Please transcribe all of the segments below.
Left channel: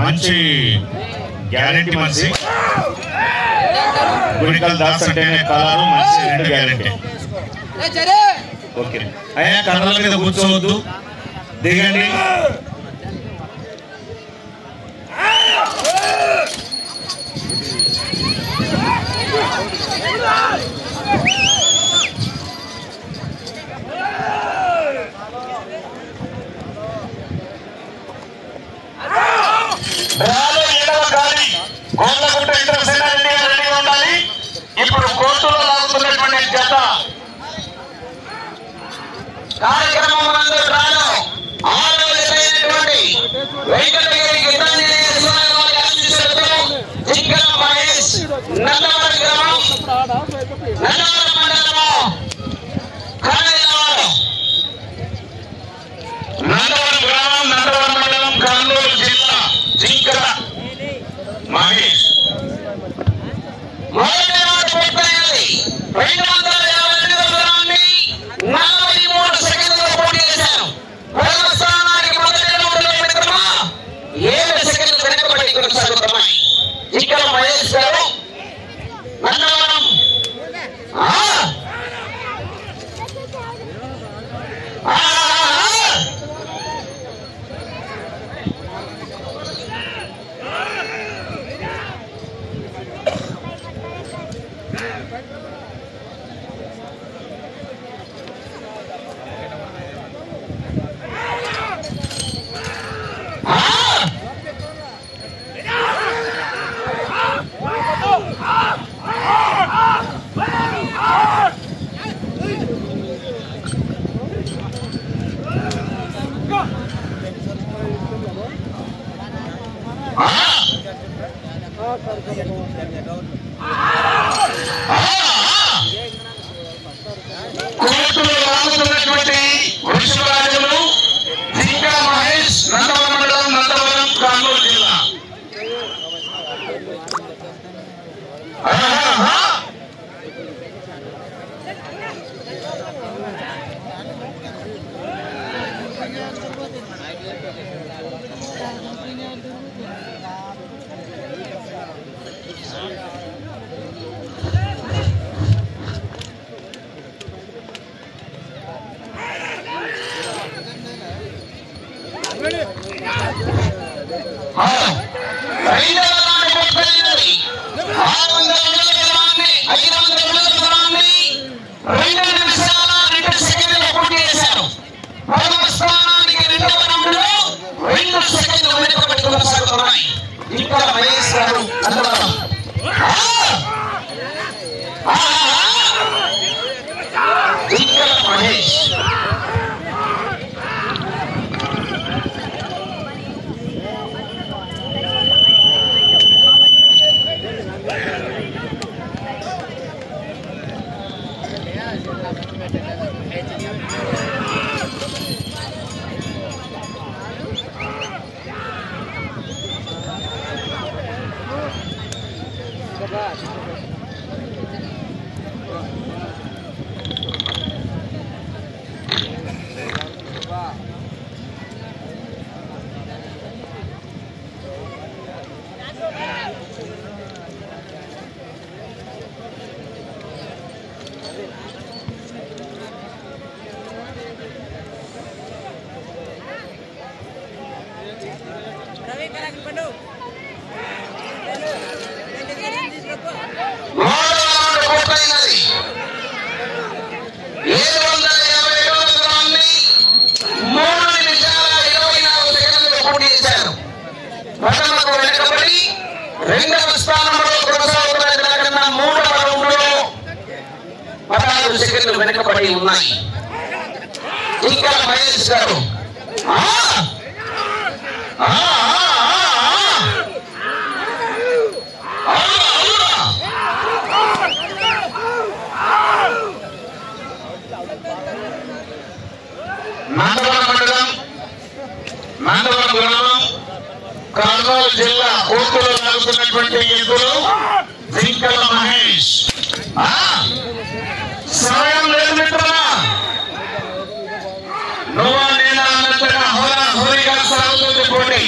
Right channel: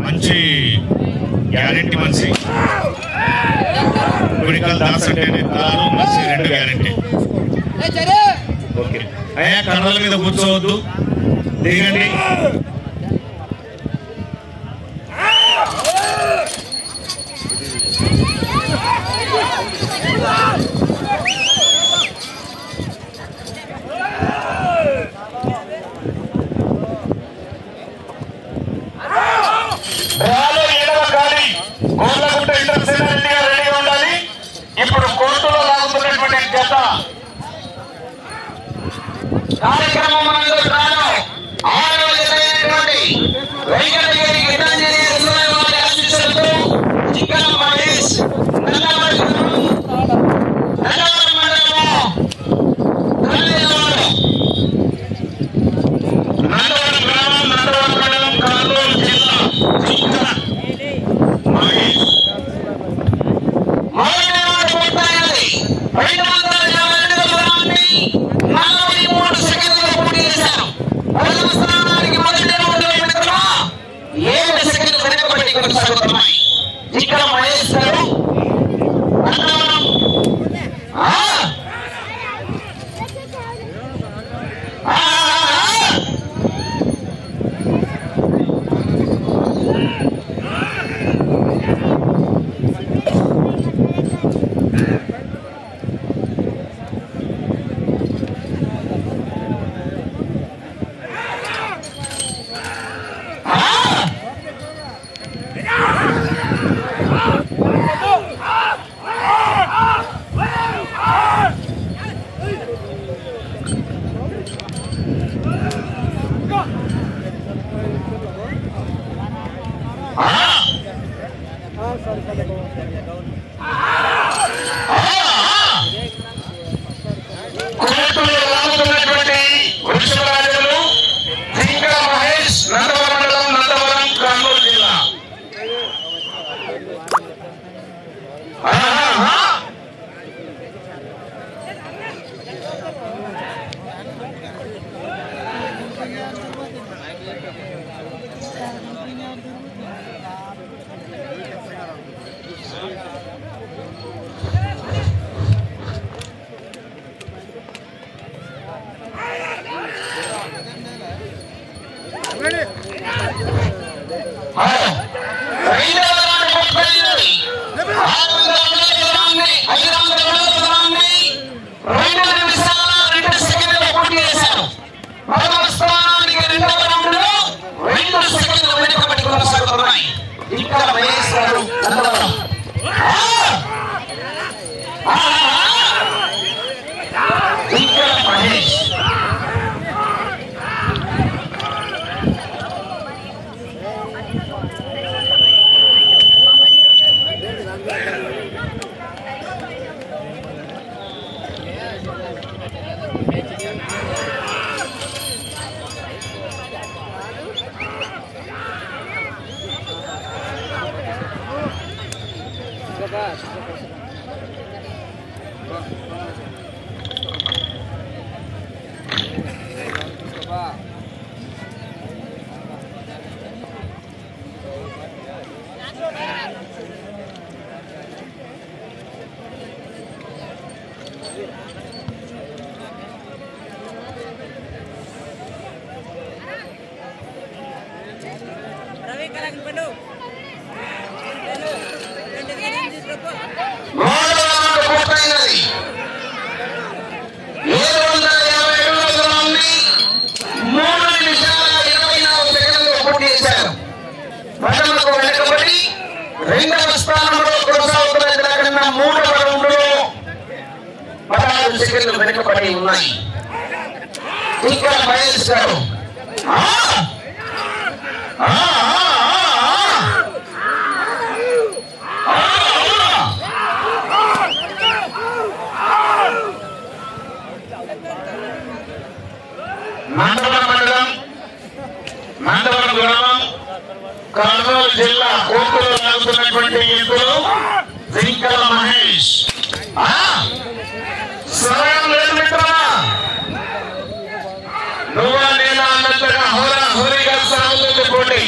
మంచి గ్యారెంటీ మనిషి. గుడికల్ దాస్ అంటేనే కారు మనిషి 2 గ్యారెంటీ. ఓకే అయ్యా, కర్రల మీద కూర్చోవద్దు, దిగండి. ఇప్పుడు కోర్టులో లాగుతున్నటువంటి జత కార్యక్రమం వెంకటగిరి జింకల మహేష్ నందవరం గ్రామం నందవరం మండలం కర్నూలు జిల్లా జింకల మహేష్ 222 సెకండ్లలో పూర్తి చేశారు. 7 సెకండ్లు వెనకబడి కొనసాగుతున్నాయి. ఇక్కడ మహేష్ గారు నందవరం కోర్టులో రానుతున్నటువంటి వృషభరాజులు జింకల మహేష్ నందవరం మండలం నందవరం కర్నూలు జిల్లా. ఇక్కడ మహేష్ గారు నందవరం ఇక్కడ మహేష్ రెండవ స్థానంలో కొనసాగుతున్న జనకన్నా 3వ రౌండ్లో 16 సెకండ్లు వెనుకబడి ఉన్నాయి. ఇక్కడ మహేష్ గారు నందవరం మండలం నందవరం గ్రామం కర్నూలు జిల్లా కోర్టులో సాగుతున్నటువంటి ఎద్దులు జింకల మహేష్. సమయం లేదు మిత్రమా, నువ్వా నేనా అన్నట్టుగా హోరా హోరీగా సాగుతుంది పోటీ.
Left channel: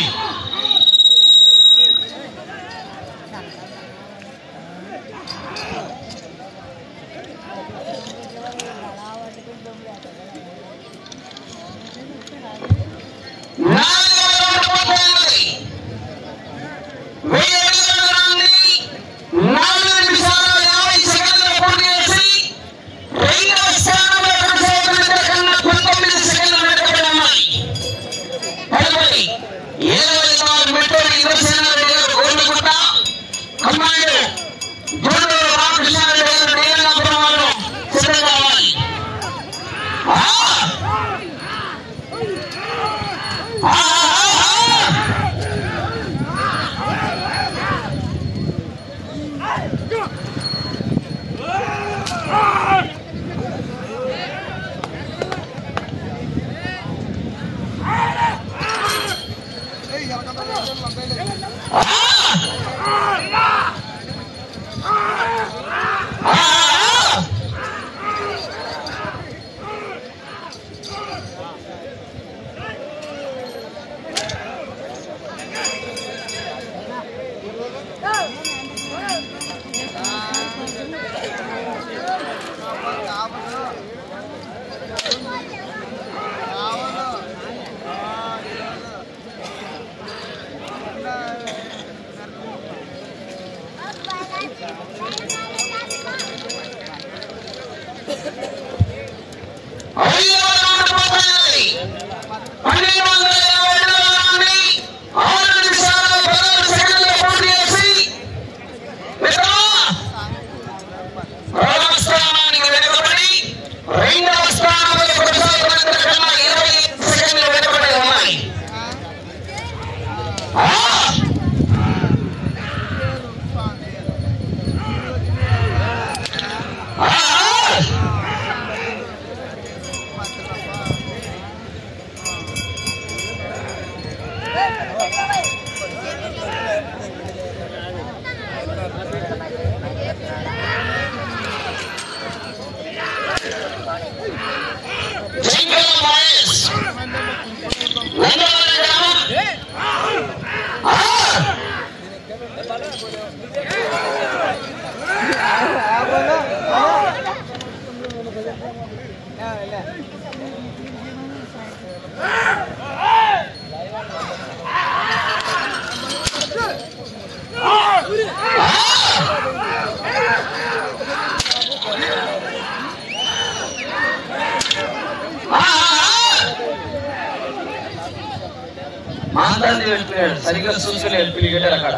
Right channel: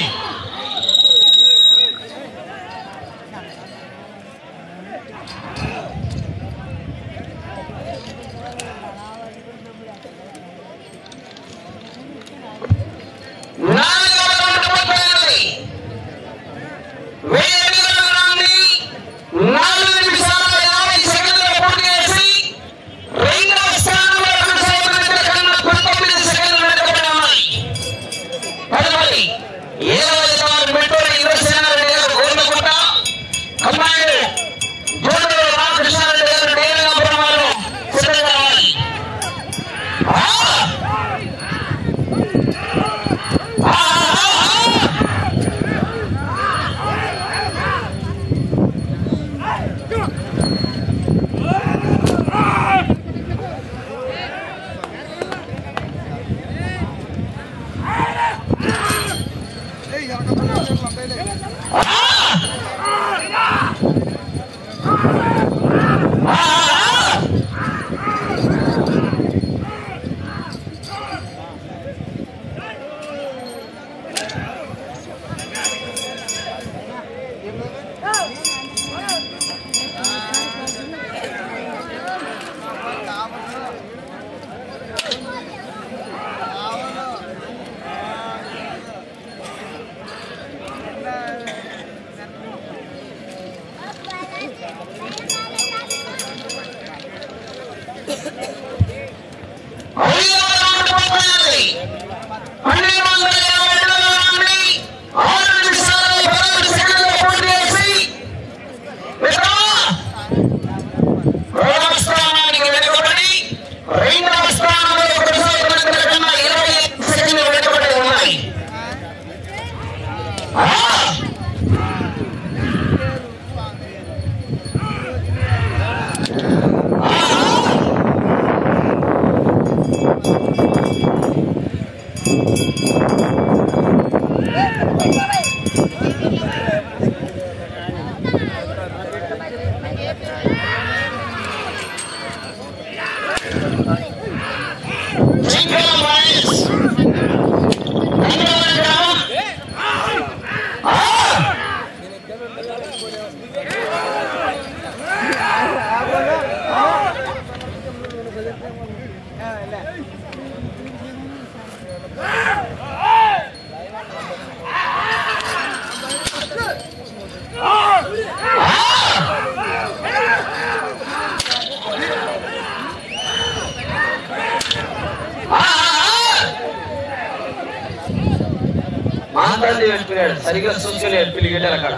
సరిగ్గా చూసుకోలేదు క్రికెటర్ అక్కడ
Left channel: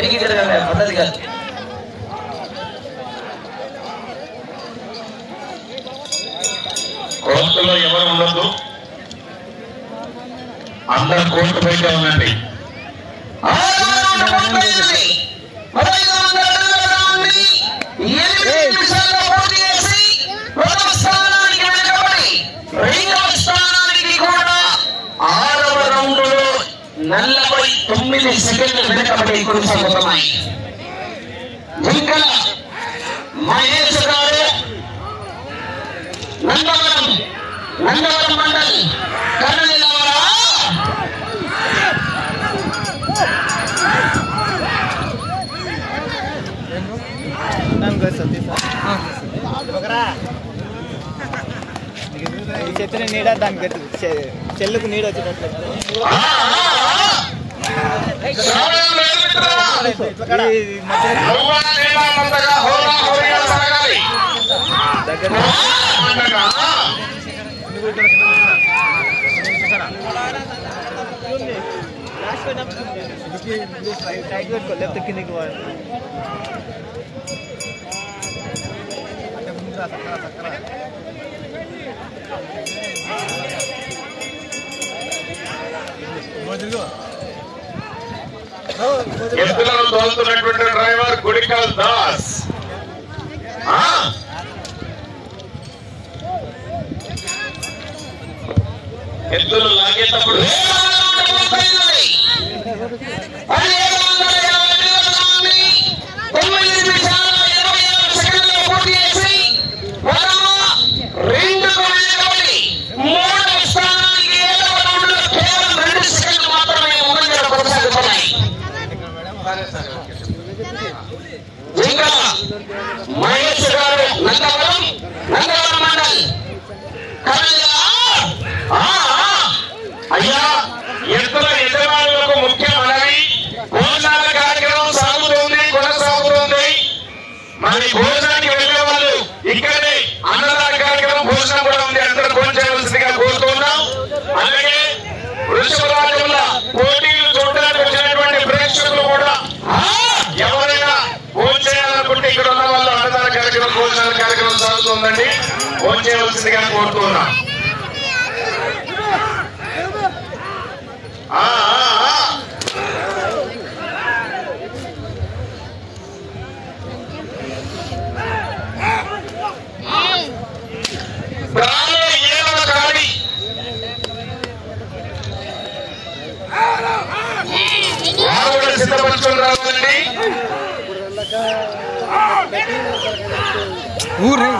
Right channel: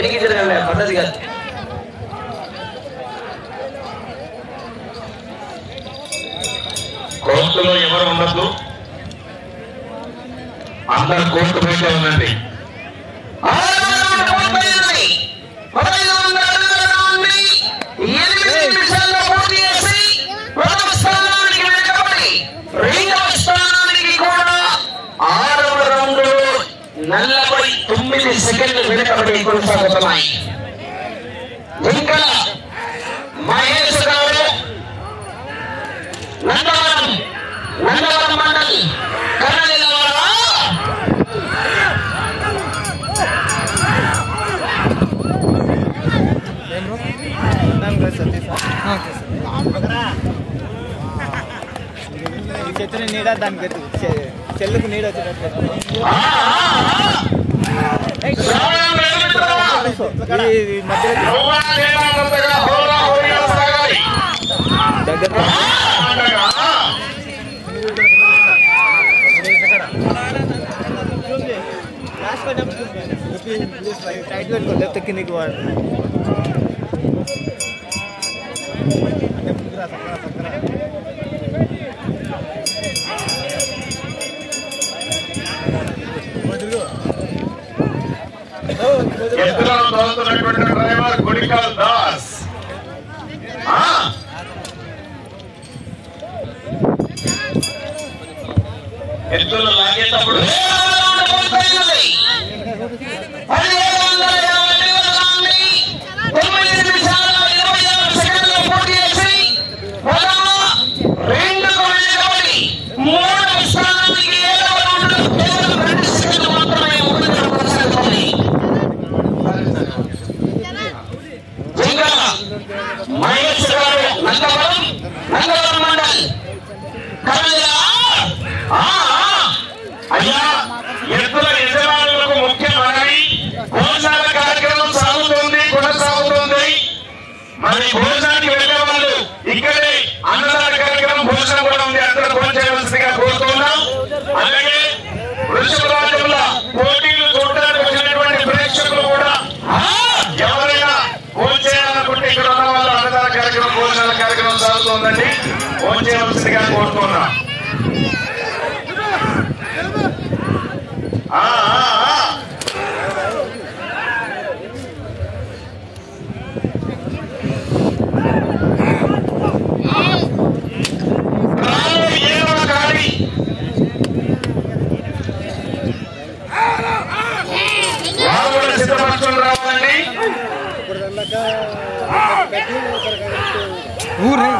ఎన్నిక పద్ధతి కాదు. కోర్టులో ఎవరు ఉండదు, అందరు కోర్టు బయట ఉండండి. నలభై 9 సెకండ్లు వెనకబడి కొనసాగుతున్నాయి. మహేష్ గారు నందవరం మండల్ కర్నూలు వచ్చిన నీడ దానికి చెల్లుకు నీడ వచ్చేటట్లు దగ్గర టైట్ పెట్టుకో లేకపోతే కిందికి వాడు అంటే ముందు రా చక్కర ఎత్తులను తోలుతున్నటువంటి డ్రైవర్ గుడికల్ దాస్. ఎత్తులు లాగేటప్పుడు మహేష్ గారు కార్యక్రమం సాగుతుందండి. ఫోన్ చేయవలసిందిగా కోరుతున్నాం. సిద్ధపరచుకొని రావాలండి. ఊరే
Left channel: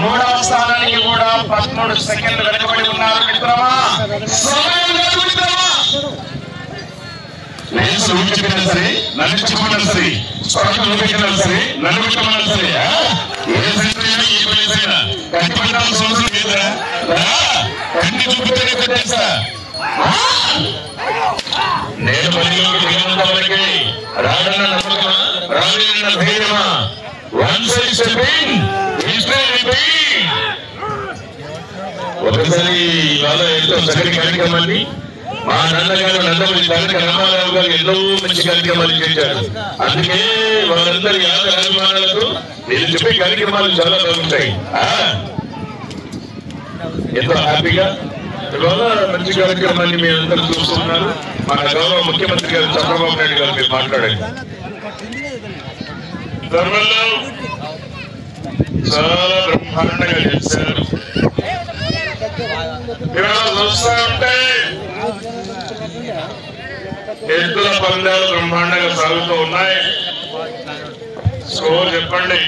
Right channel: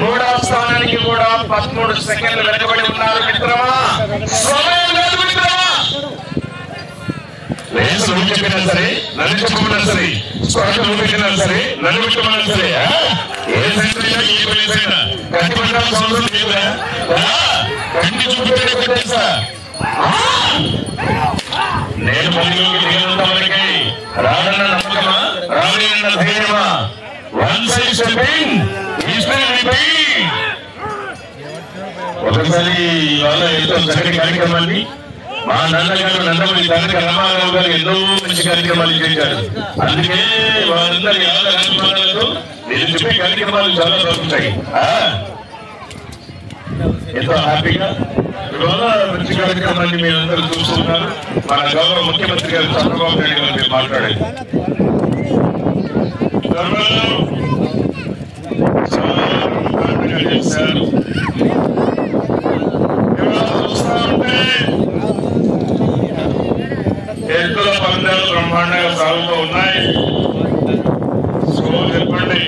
మూడవ స్థానానికి కూడా 13 సెకండ్లు వెనకబడి ఉన్నారు మిత్రమా. చెప్పినా సరే, నన్ను చెప్పుకున్నా సరే, పెట్టినా సరే, నన్ను పెట్టమన్నా సరే, ఏ సంఖ్యలో ఏ పనిసైనా కట్టిపట్టాల్సిన అవసరం లేదా? కట్టి చూపుతారు తెలుసా? నేను పనిలోకి దిగినంత వరకే రానున్న నమ్మకమా, రానున్న ధైర్యమా? ఒకసారి ఇవాళ ఎంతో చక్కటి కార్యక్రమాన్ని మా నాన్నగారు నందమూరి తారక రామారావు గారు ఎన్నో మంచి కార్యక్రమాలు చేశారు. అందుకే వారందరి ఆదర అభిమానాలతో నేను చెప్పే కార్యక్రమాలు చాలా బాగుంటాయి. ఎంతో హ్యాపీగా ఇవాళ మంచి కార్యక్రమాన్ని మీరు అందరూ చూస్తున్నారు. మన గౌరవ ముఖ్యమంత్రి గారు చంద్రబాబు నాయుడు గారు మీరు మాట్లాడారు. చాలా బ్రహ్మాండంగా చేశారు. చూస్తామంటే ఎద్దుల పందాలు బ్రహ్మాండంగా సాగుతూ ఉన్నాయి. సో చెప్పండి.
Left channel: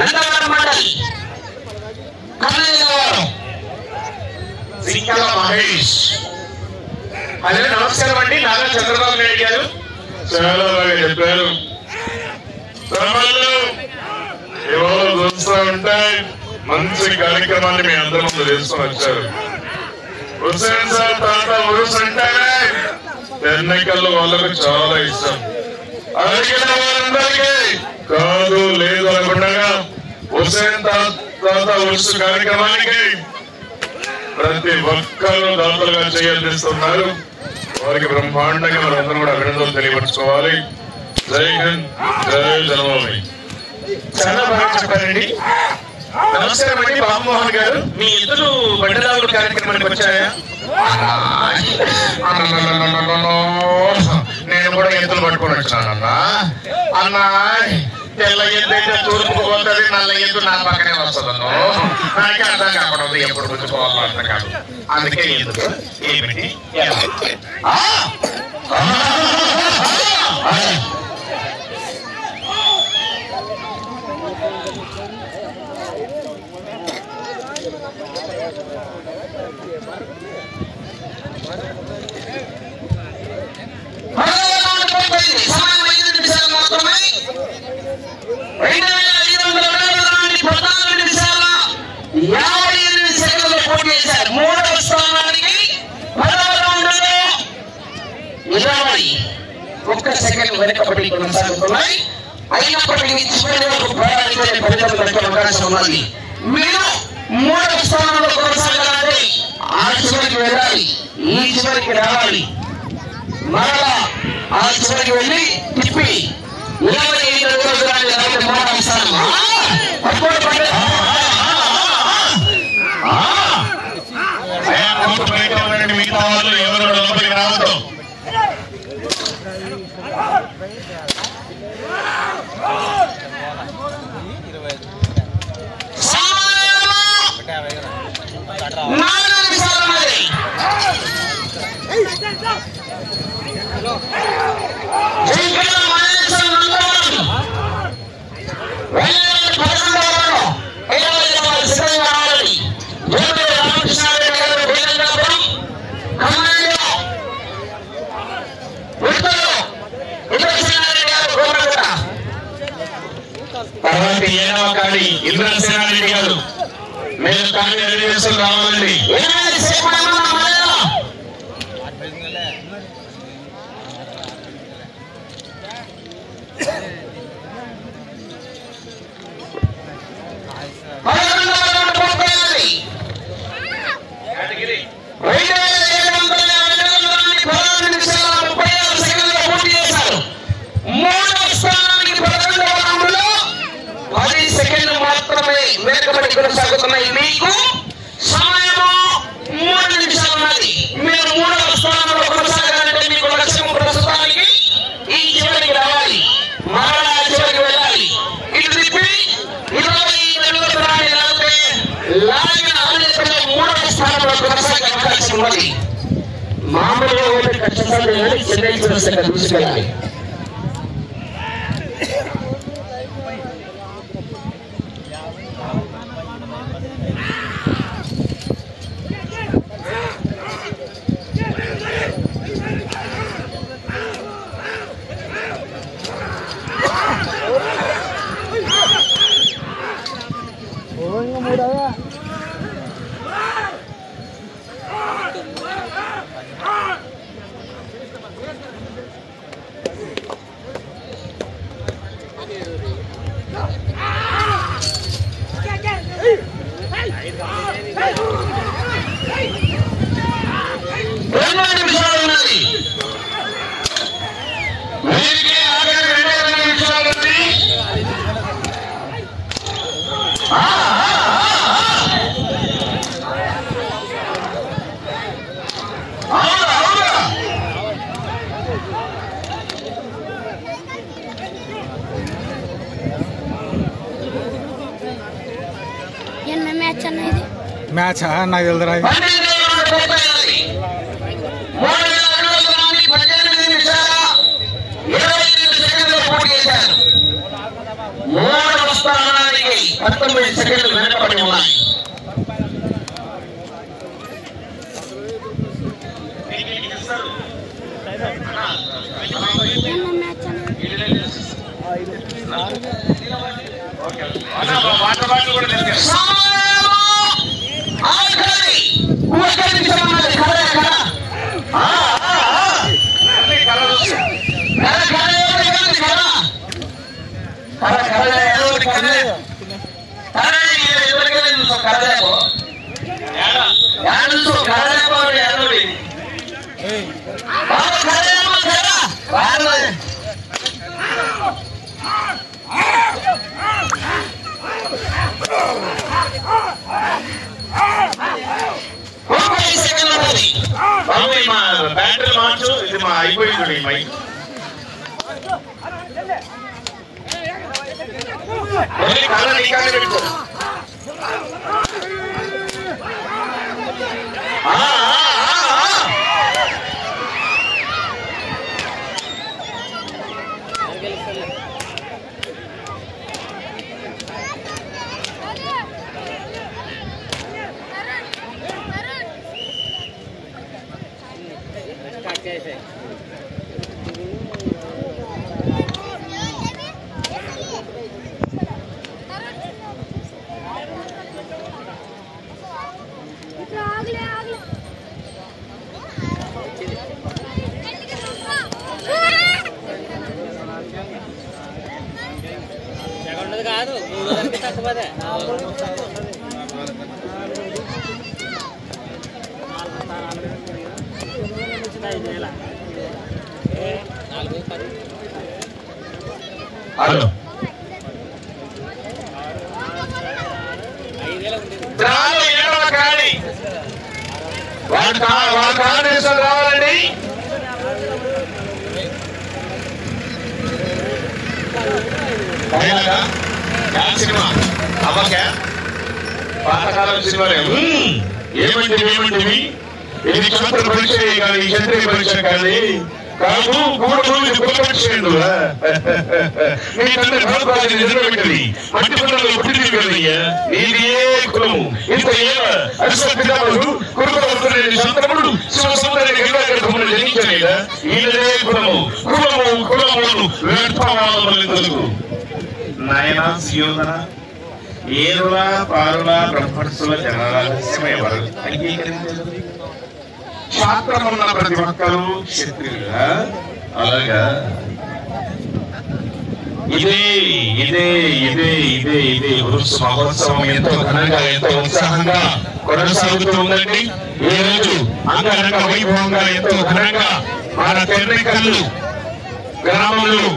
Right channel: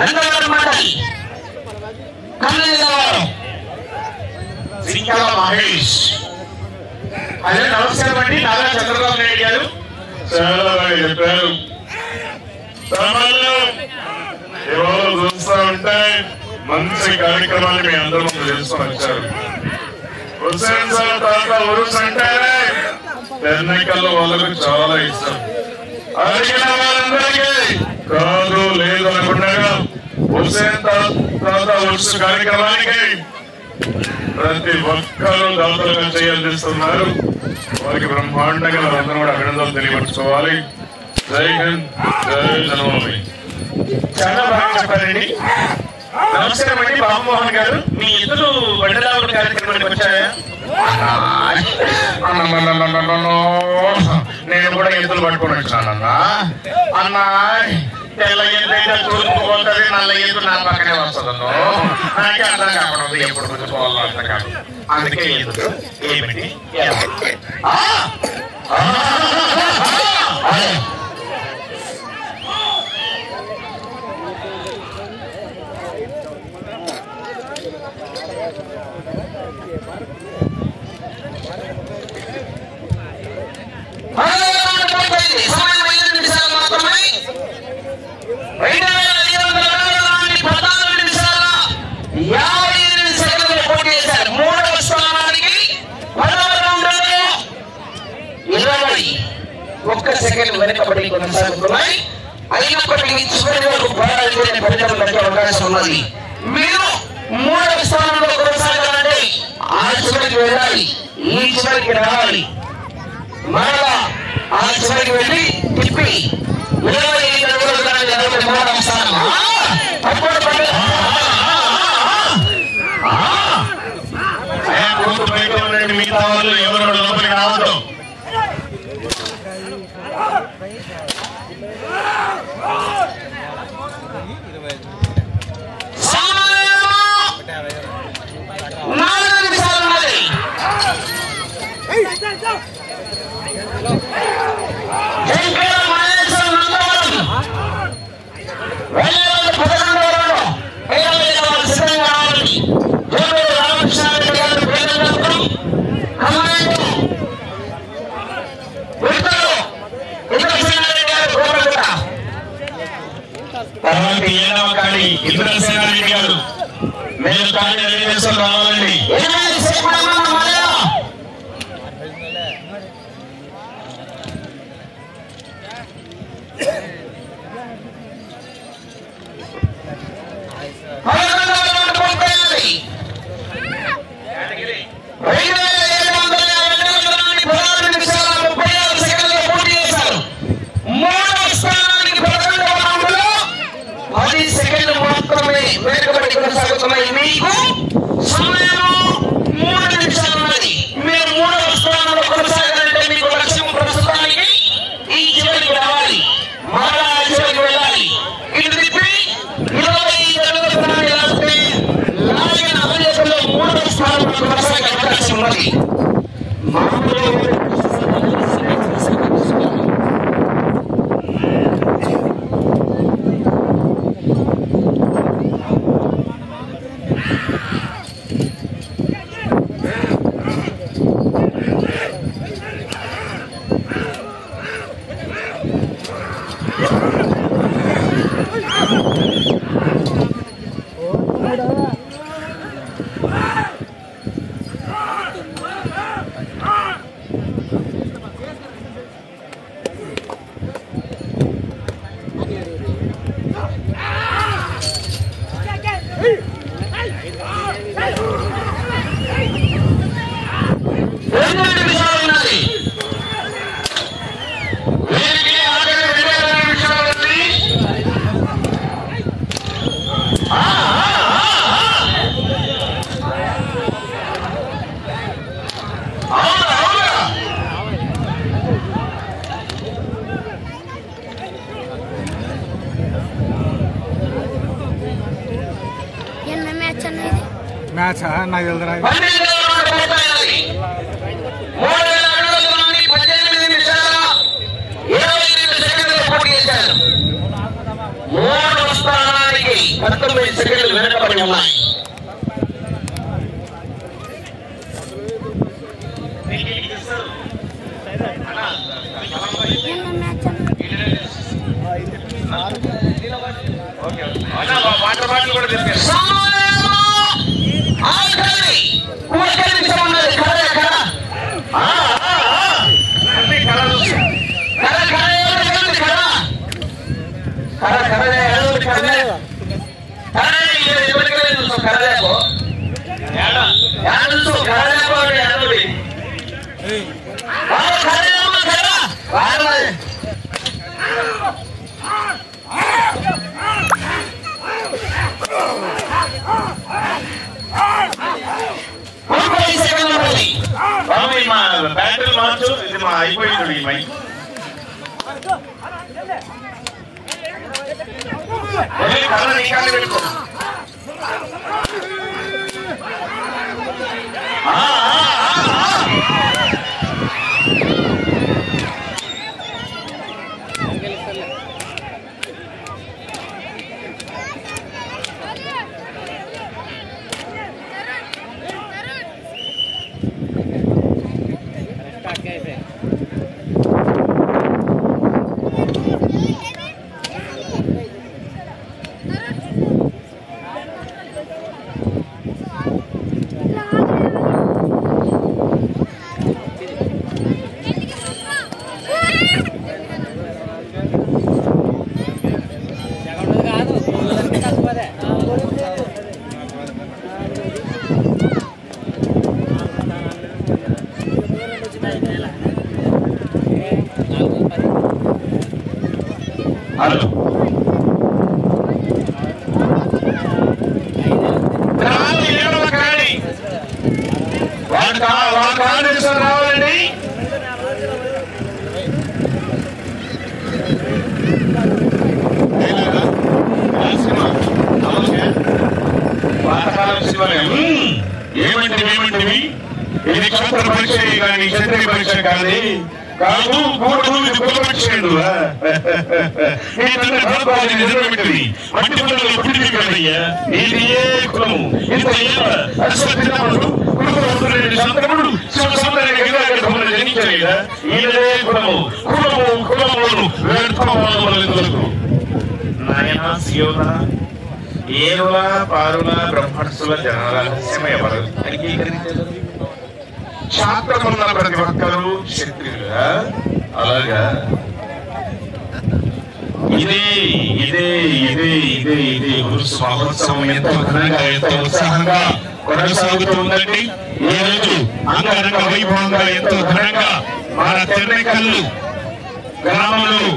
నందవరం మండలి మహేష్. అదే నమస్కారం అండి. నారా చంద్రబాబు నాయుడు గారు చాలా బాగా చెప్పారు. ఇవాళ చూస్తూ ఉంటే మంచి కార్యక్రమాన్ని మీ అందరూ ముందు తెలుస్తూ వచ్చారు. హుస్సేన్ సార్ తాత ఉరుస్ అంటారే ఎన్నికల్లో వాళ్ళకు చాలా ఇష్టం. అడిగిన వారందరికీ కాదు లేదు అనకుండా హుస్సేన్ తాత ఉరుస్ కార్యక్రమానికి ప్రతి ఒక్కరూ దాతలుగా చేయాల్సిస్తున్నారు. వారికి బ్రహ్మాండంగా వారందరూ కూడా అభినందనలు తెలియపరచుకోవాలి. జై హింద్, జై జన్మభూమి. చాలా బాగా చెప్పారండి. నమస్కారం అండి రామ్మోహన్ గారు. మీ ఇద్దరు బండిరావుడు కార్యక్రమానికి వచ్చాయా? నేను కూడా ఇద్దరు పట్టుకొని వచ్చానన్నా. అన్నా తెల్ల ఎద్దు అయితే తూర్పు పోతుంది, నల్ల ఎద్దు నా పక్కనే వస్తుంది. నాకే అర్థం కాకూడదు ఎప్పుడు గుర్తుకోవాలో అర్థం కాదు. అందుకే ఎద్దు ఏమిటి సమయం 5 నిమిషాలు మాత్రమే. 2514 నిమిషాల 58 సెకండ్లు పోటీ చేశారు. మూడవ స్థానానికి 10వ రౌండ్లో 21 సెకండ్లు వెనకబడి కొనసాగుతున్నాయి. అయినప్పటికీ చివరి వరకు పోరాడితేనే ఫలితం దక్కే అవకాశం ఉన్నది. మీరు 3వ స్థానంలో కొనసాగాలంటే ఆ చివరికి వెళ్ళాలి, ఈ చివరికి రావాలి. మరలా ఆ చివరికి వెళ్ళి తిప్పి 25 అడుగుల దూరాన్ని ఎదగొట్టి 3వ స్థానం. బయట ఉండండి, మిగతా వాళ్ళు ఎవరు కూడా లోపలికి రావద్దు. ఏడవ కాడి ఇంద్రసేనారెడ్డి గారు మీరు కాడి అడిగేసులు రావాలండి. కొనసాగుతున్నాయి. మీకు సమయం 3 నిమిషాలు ఉన్నది. మీరు 3వ స్థానంలో కొనసాగాలంటే మీకు లక్ష్యం ప్రస్తుతానికి ఈ చివరికి రావాలి, మరలా ఆ చివరికి వెళ్ళాలి. ఇటు తిప్పి 25 అడుగుల దూరాన్ని లాగితే లాగిన ఆలోచనలో 3వ స్థానంలో కొనసాగే అవకాశం ఉన్నది. మామూలుగా చూసుకోవాలి. మ్యాచ్ నాకు తెలుదురా. 3వ స్థానానికి 19 సెకండ్లు వెనకబడి ఉన్నాయి. బ్యాటరీ మార్చు, ఇది మా అయిపోయింది. ఈ మైక్ పెట్టుకో. ఏమంటివి ఇది క్షాత్ర పరీక్ష కానీ క్షత్రియ పరీక్ష కానీ కాదు కూడదు, ఇది కుల పరీక్ష. మీ తండ్రి భరద్వాజు నిజమే పెట్టింది, మట్టి కుండలో పుట్టింది కదయ్యా. ఇది ఏ కులము? ఇంత కులము కులము కులములను వ్యర్థమానములకు నాయనా సియోధన ఏరుల పారుల బ్రహ్మణసుల జనరహస్యమే శాస్త్రమున్న ప్రతి ఒక్కరూ క్షత్రియులుగా. అలాగా ఇదే ఇదే ఇదే ఇదే ఇదే ఉరుసు మహోత్సవం ఎంతో ఘనంగా ఎంతో ఉత్సాహంగా కొనసాగుతూ ఉందండి. ఈ రోజు అంగరంగ వైభవంగా ఎంతో ఘనంగా మన తెర్రెకల్లు గ్రామంలో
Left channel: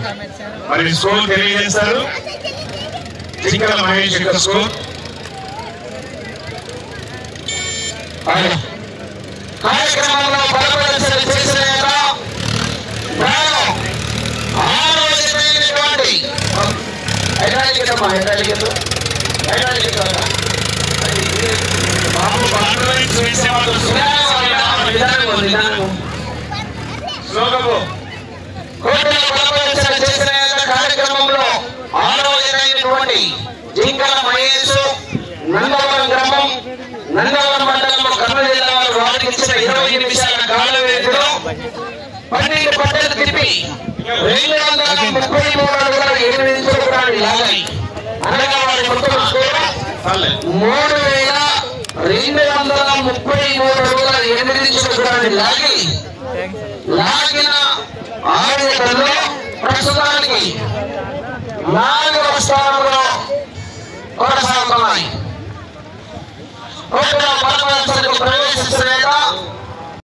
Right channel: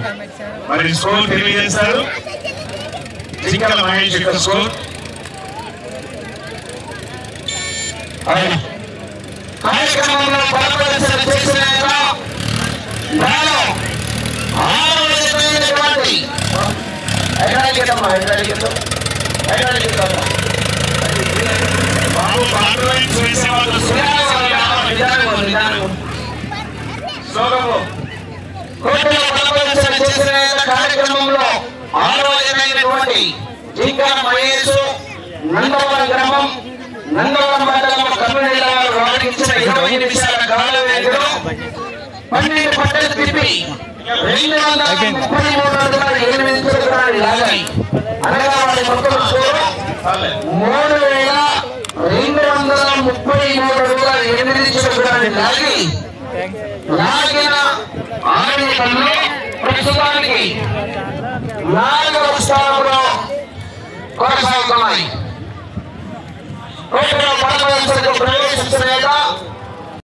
మరి స్కోర్ తెలియజేస్తారు. చింకల మహేష్ యొక్క స్కోర్ కార్యక్రమంలో పాల్గొనవలసిన చేసిన కార్యక్రమంలో 6వ జనైనటువంటి జింకల మహేష్ నందవరం గ్రామం నందవరం మండలం కర్నూలు జిల్లా వారు వాడిచ్చిన 20 నిమిషాల కాల వ్యవధిలో 12 పట్టలు తిప్పి 233 అడుగుల 8 ఇంచులు లాగాయి. అనగా వారి మొత్తం స్కోరు 3233 అడుగుల 8 ఇంచులు లాగి లాగిన 6 గంటల్లో ప్రస్తుతానికి 4వ స్థానంలో కొనసాగుతున్నాయి. కోటలో ప్రవేశిస్తున్న